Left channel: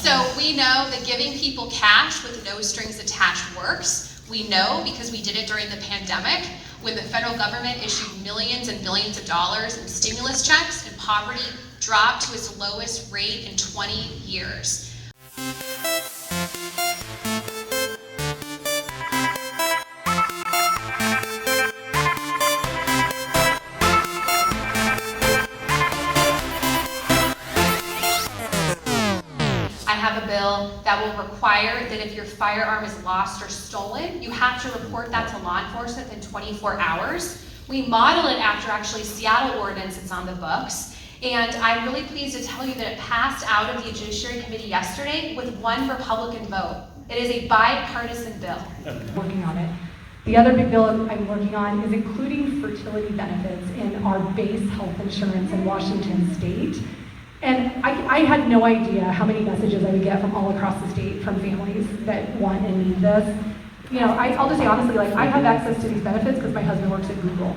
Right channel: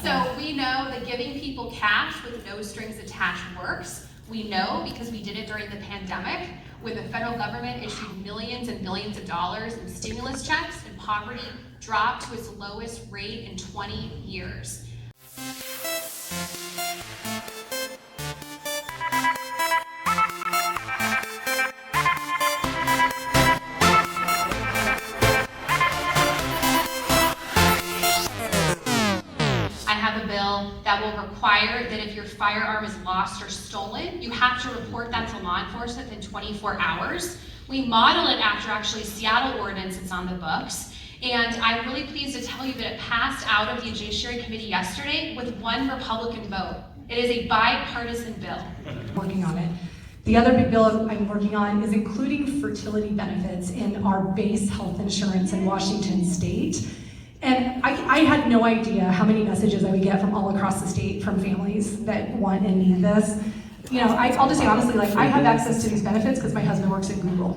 So we know that giving people cash with no strings attached works. We know because we did it during the pandemic when the federal government issued millions and billions of dollars in stimulus checks and poverty dropped to its lowest rate in 20 years. That will require that if your firearm is lost or stolen, you have to report that to law enforcement within 24 hours. We model it after actually Seattle ordinance that's on the books. And I'm really pleased to tell you that it passed out of the Judiciary Committee yesterday with one Republican vote. It is a bipartisan bill. Working on it. The other big bill I'm working on is including fertility benefits in our base health insurance in Washington State. And I had no idea how many messages I would get from all across the state from families that want and need this. You know, I'll just say honestly, like, I have access to these benefits because my husband works at Google.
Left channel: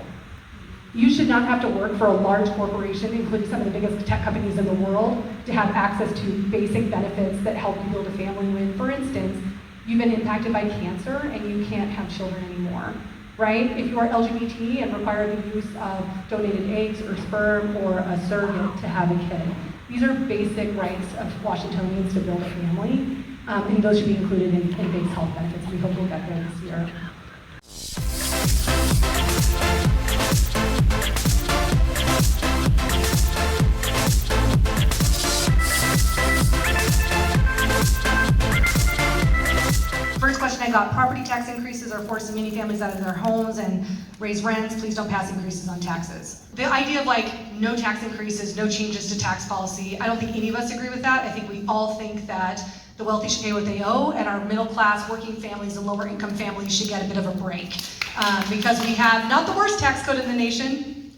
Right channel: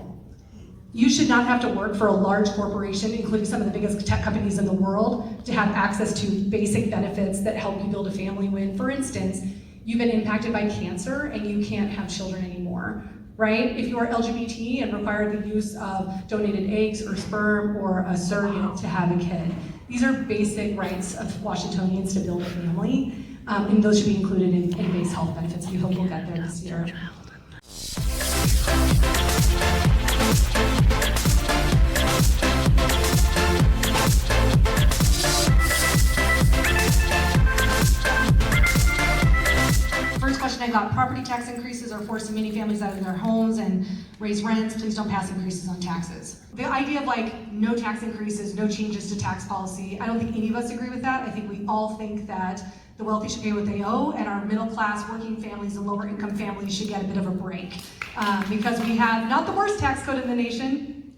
You should not have to work for a large corporation, including some of the biggest tech companies in the world, to have access to basic benefits that help you build a family when, for instance, you've been impacted by cancer and you can't have children anymore. Right? If you are LGBT and require the use of donated eggs or sperm or a surrogate to have a kid. These are basic rights of Washingtonians to build a family, and those should be included in base health benefits. We hope we'll get there this year. First question I got, property tax increases are forcing many families out of their homes and raise rents. Please don't pass increases on taxes. The idea of like no tax increases, no changes to tax policy, I don't think any of us agree with that. I think we all think that the wealthy should pay what they owe and our middle class working families and lower income families should get a bit of a break. Because we have not the worst tax code in the nation,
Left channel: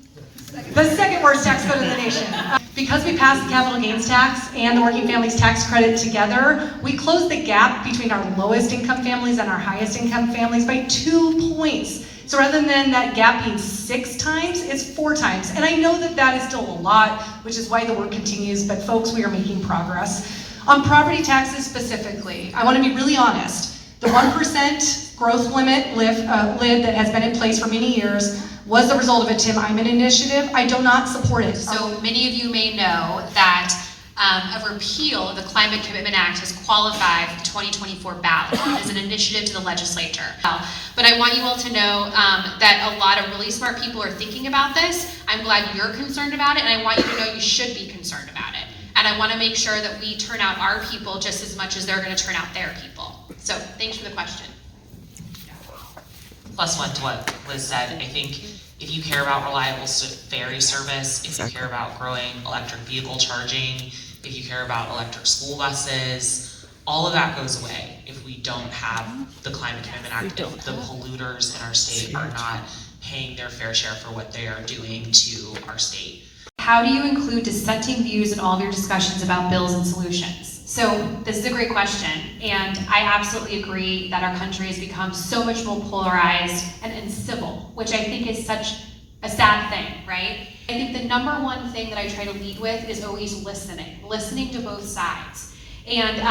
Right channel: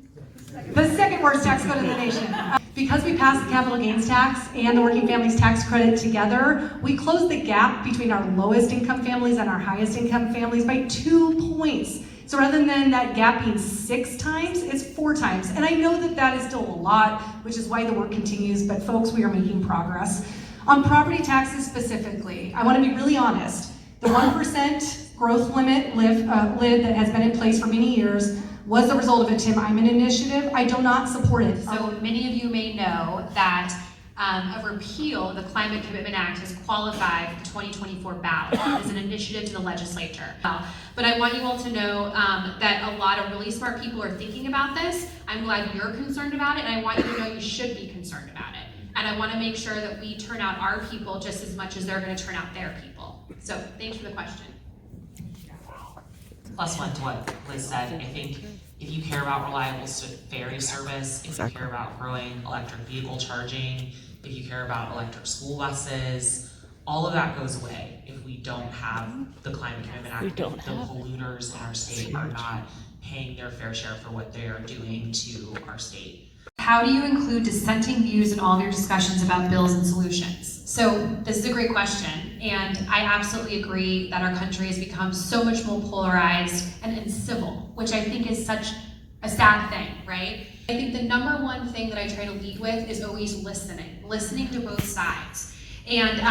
the second worst tax code in the nation. Because we passed the capital gains tax and the working families tax credit together, we closed the gap between our lowest income families and our highest income families by 2 points. So rather than that gap being 6 times, it's 4 times. And I know that that is still a lot, which is why the work continues, but folks, we are making progress. On property taxes specifically, I want to be really honest. The 1% growth limit lid that has been in place for many years was the result of a Tim Eyman initiative. I do not support it. So many of you may know that a repeal of the Climate Commitment Act has qualified for the 2024 ballot as an initiative to the legislature. But I want you all to know that a lot of really smart people are thinking about this. I'm glad you're concerned about it, and I want you to know you should be concerned about it. And I want to make sure that we turn out our people just as much as they're going to turn out their people. So thanks for the question. Plus one to what Liz said, I think if you care about reliable ferry service, if you care about growing electric vehicle charging, if you care about electric school buses, all of that goes away if we don't have the Climate Commitment Act, if the polluters in our state are not paying their fair share for what they are doing to our state. How do you include dissenting views in all of your discussions about bills and solutions? So this is a great question, and I absolutely agree that our country has become so much more polarized and uncivil, which I think is such a sad thing, right? I think the number one thing that I try to lead with is always listening to both sides. And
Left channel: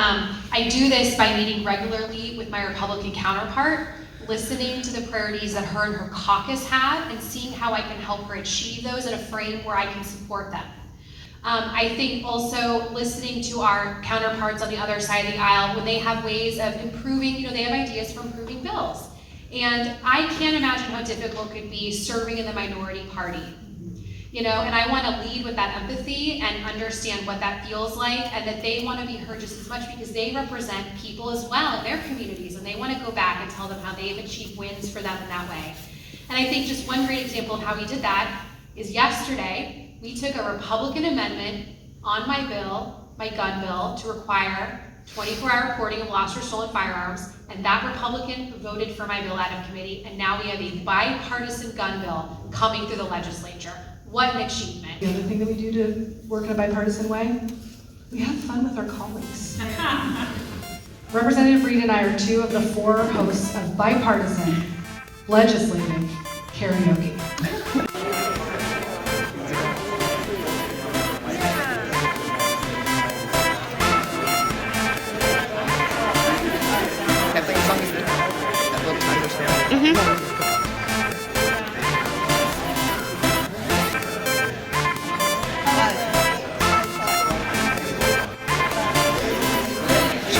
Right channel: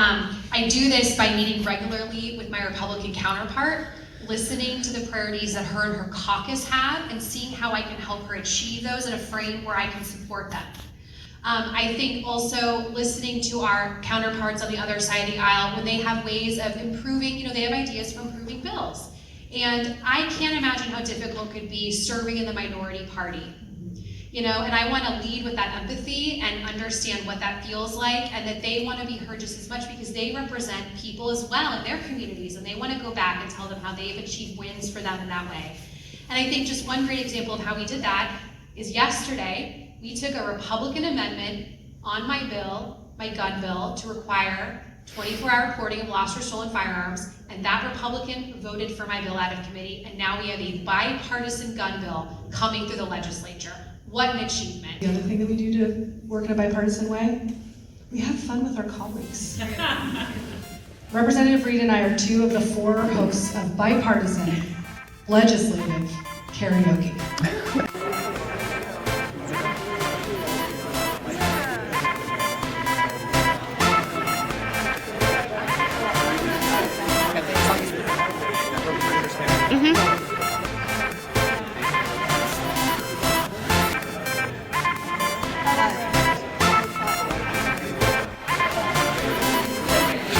I do this by meeting regularly with my Republican counterpart, listening to the priorities that her and her caucus have and seeing how I can help her achieve those in a frame where I can support them. I think also listening to our counterparts on the other side of the aisle when they have ways of improving, they have ideas for improving bills. And I can't imagine how difficult it could be serving in the minority party. And I want to lead with that empathy and understand what that feels like, and that they want to be heard just as much because they represent people as well in their communities, and they want to go back and tell them how they've achieved wins for them in that way. And I think just one great example of how we did that is yesterday, we took a Republican amendment on my gun bill, to require 24-hour reporting of lost or stolen firearms, and that Republican voted for my bill out of committee, and now we have a bipartisan gun bill coming through the legislature. What an achievement. The other thing that we do to work in a bipartisan way, we have fun with our colleagues. Representative Reed and I are 2 of the 4 hosts of bipartisan legislative karaoke.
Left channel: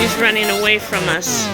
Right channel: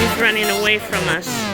She's running away from us.